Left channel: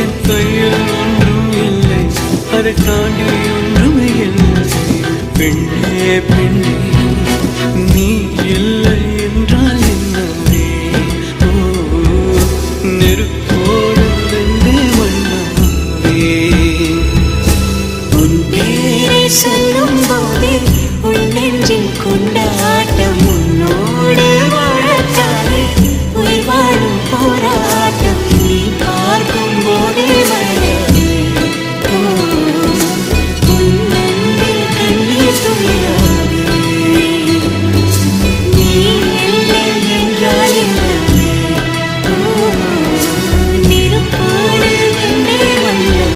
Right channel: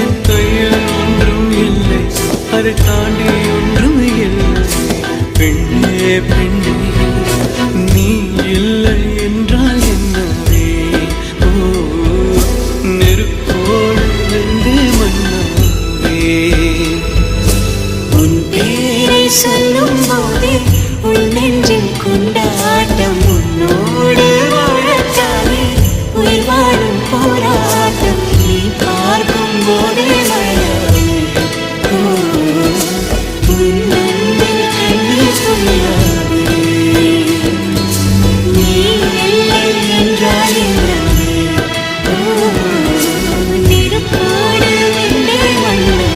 என் கையில் ஒன்றும் இல்லை, அதை தாண்டி ஒன்றும் இல்லை. பெண்ணே பெண்ணே நீ இல்லை என்றால் என்னவே? ஓ நெருப்போடு வெந்தே மண்ணாவே. உன் பேரை சொல்லும் போதே உன் நெஞ்சில் கொண்டாட்டம். உன்னோடு வாழத்தானே உயிர் வாழும் போராட்டம். நீ பார்க்கும் போதே மழை